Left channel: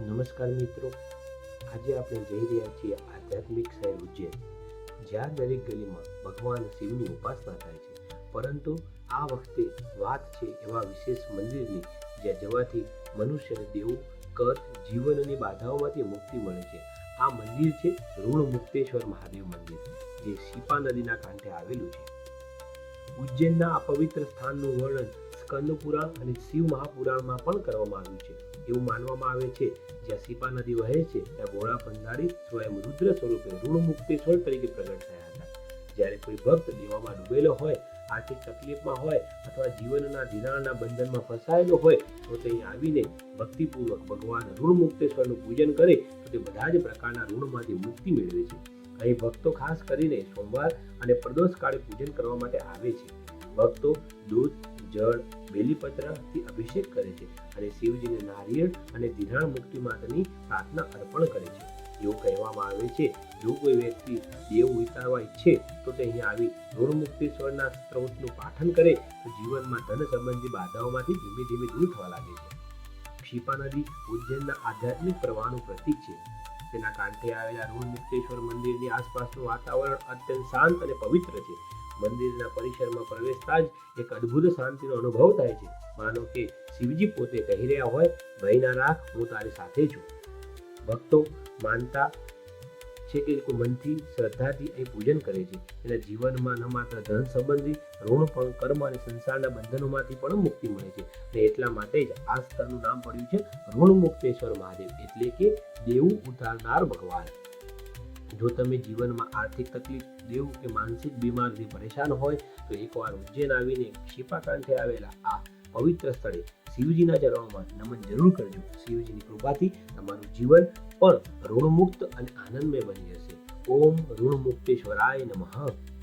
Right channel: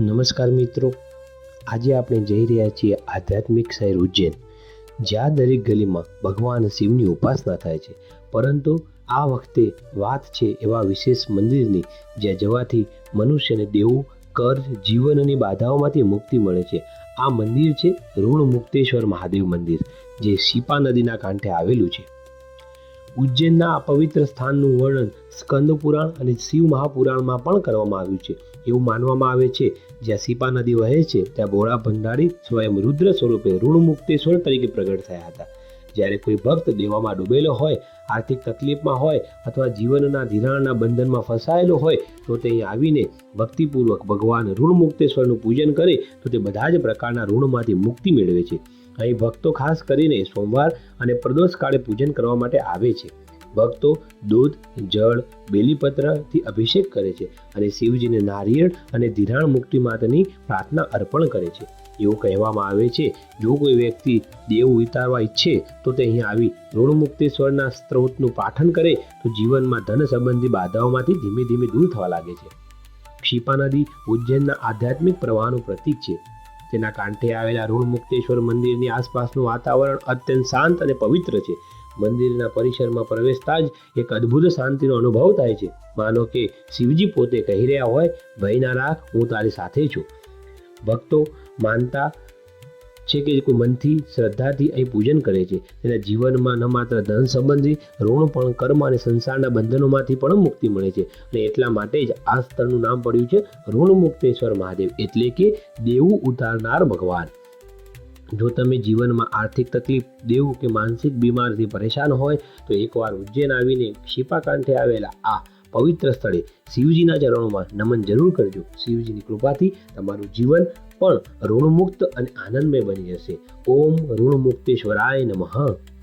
નમસ્કાર મિત્રો. આજે આપણે જઈ રહ્યા છીએ આધ્યાત્મિક શહેર ઉજ્જૈન, જ્યાં દરેક ગલીમાં ભગવાન શિવની ઉપાસના થાય છે. પરંતુ આ વખતે વાત છે એવા વિશેષ મંદિરની, જ્યાં જવાથી મનુષ્યને દેવું કર્જ જીવનની બાધાઓમાંથી મુક્તિ મળે છે. આ મંદિર છે ઋણ મુક્તેશ્વર મહાદેવ મંદિર, જે શિપા નદીના કાંઠે આવેલું છે. ઉજ્જૈનના આ પવિત્ર સ્થાનનું વર્ણન સ્કંદ પુરાણ અને શિવ મહાપુરાણમાં પણ કરવામાં આવ્યું છે. એવું માનવામાં આવે છે, જ્યાં સીપા નદી વહે છે, ત્યાં ભોળા ભંડારી સ્વયં રુદ્ર સ્વરૂપે ઋણ મુક્તેશ્વર તરીકે પ્રગટ થયા હતા. જ્યારે કોઈ ભક્ત દેવામાં ડૂબેલો હોય, આર્થિક તકલીફમાં હોય અથવા જીવનના ધિરાણના બંધનમાં ફસાયેલો હોય, તો તે આવીને ભક્તિપૂર્વક ભગવાન ઋણ મુક્તેશ્વરનું પૂજન કરે, તો તે બધા જ પ્રકારના ઋણમાંથી મુક્તિ મેળવે છે. અહીં ભક્તો ખાસ કરીને સોમવાર અને પ્રદોષ કાળે પૂજન કરવા માટે આવે છે. ભક્તો દૂધ, જળ બેલીપત્રથી અભિષેક કરે છે અને શિવજીને નારિયેળ અને ધિરાણ મુક્તિ માતાની પ્રાર્થના અર્પણ કરે છે. એવું કહેવામાં આવે છે, જો કોઈ વ્યક્તિ દેવ વિતારવા ઈચ્છે તો તે અહીં આવી ઋણ મુક્તેશ્વરના સ્ત્રોતનું પાઠન કરે તો જીવનમાં ધન સંબંધી બાધાઓમાંથી ધીમે ધીમે દૂર થવા લાગે છે. ક્ષિપા નદી ઉજ્જૈનના આધ્યાત્મિક પ્રવાહનું પ્રતીક છે. તેના કાંઠે આવેલા ઋણ મુક્તેશ્વર મંદિરની આસપાસનું વાતાવરણ અત્યંત શાંત અને પવિત્ર છે. મંદિરના પરિસરમાં પ્રવેશતા જ એક અદ્ભુત શાંતિનો અનુભવ થાય છે. માનો કે શિવજી પોતે કહી રહ્યા હોય, ભયના રાખ, હું તારી સાથે છું. ભક્તો માનતા છે કે કોઈ મનથી, શ્રદ્ધાથી અહીં પૂજન કરે છે. તેના જીવનમાં ન માત્ર ધન સંબંધી, ઋણ પણ કર્મ અને સંસારના બંધનોમાંથી પણ મુક્તિ મળે છે. અને એટલા માટે જ આ સ્થળનું નામ પડ્યું છે ઋણ મુક્તેશ્વર મહાદેવ. એટલે કે દેવું ઉતારનાર ભગવાન. જો તમે જીવનમાં આર્થિક તકલીફ દેવું કે માનસિક બીમારથી પરેશાન હોય, તો એકવાર ઉજ્જૈન આવીને શિપાકાંઠે આવેલા આ પવિત્ર સ્થળે શિવજીના ચરણોમાં નમન જરૂર કરજો. શિવજીની કૃપાથી તમારું જીવન પણ ઋણમુક્ત અને આનંદમય બની જશે. ઓમ ઋણમુક્તેશ્વરાય નમઃ.